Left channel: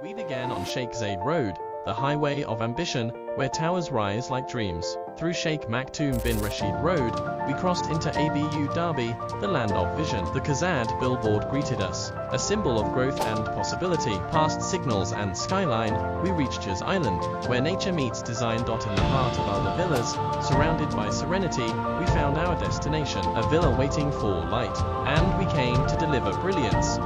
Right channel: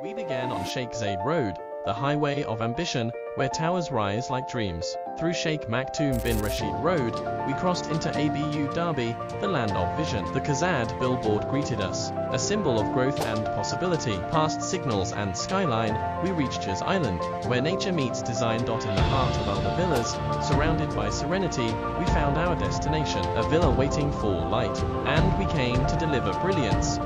We began on Sheikh Zayed Road, the highway of ambition, where towers rise like dreams. Through Sheikh Maktoum bin Rashid Road, we crossed into Abu Dhabi, the land of vision. The Khazad billboard greeted us, a symbol of growth and possibility. Past signals and skyline, we reached Jaz Island, where nature meets design. In the heart of Alba Villas, surrounded by serenity, we found our destination, a villa waiting for light, and we came to deliver brilliance.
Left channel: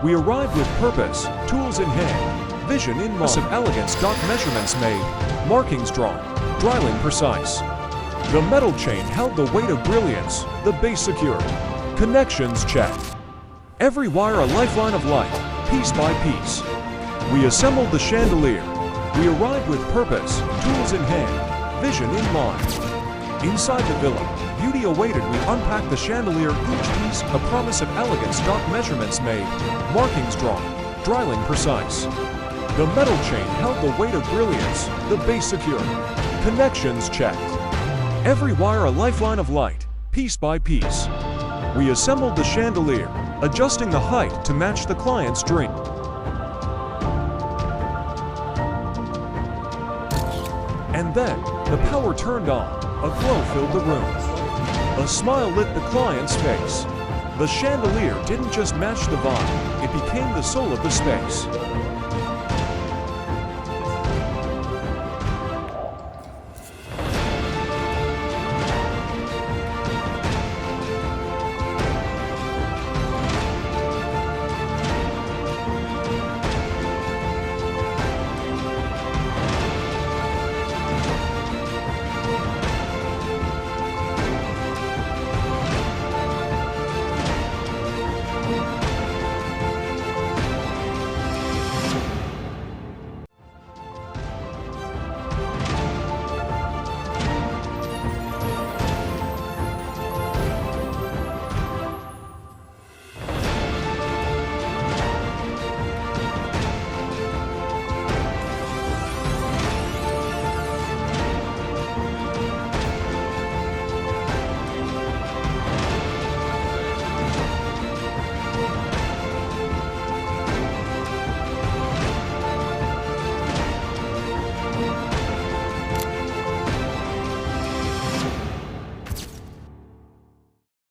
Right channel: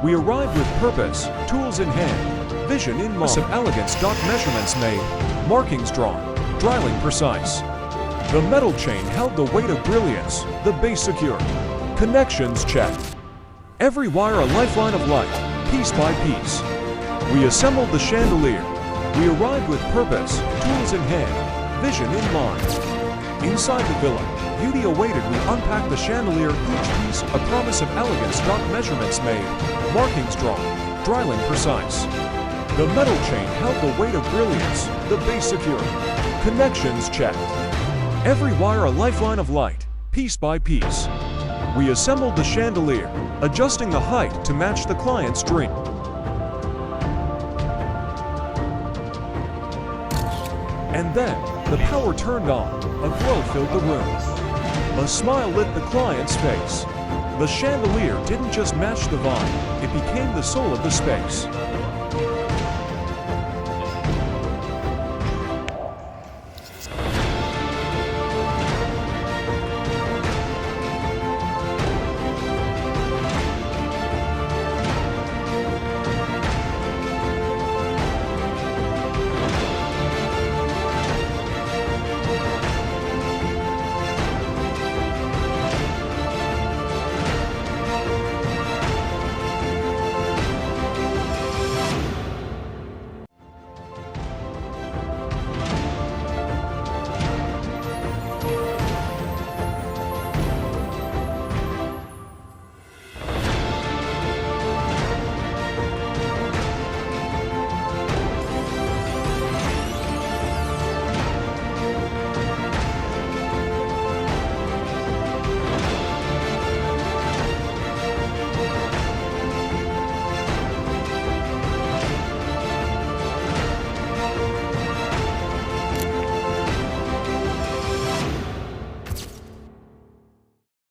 We arrived with purpose, tools in hand, vision in mind. Of elegance. Measurements made, markings drawn, dryling precise. The metal chain held the weight of brilliance, the base secure, connections checked. Every wire a lifeline of light, piece by piece. We assembled the chandelier. We arrived with purpose, tools in hand, vision in mind. Inside the villa, beauty awaited. We unpacked the chandelier, each piece a promise of elegance. Measurements made, markings drawn, dryling precise. The metal chain held the weight of brilliance, the base secure, connections checked. Every wire a lifeline of light, piece by piece. We assembled the chandelier, adjusting the height to match the client's dream. And then, the power turned on, a glow filled the room. A smile lit the client's face. The chandelier didn't just match the vibe, it became the soul of the space.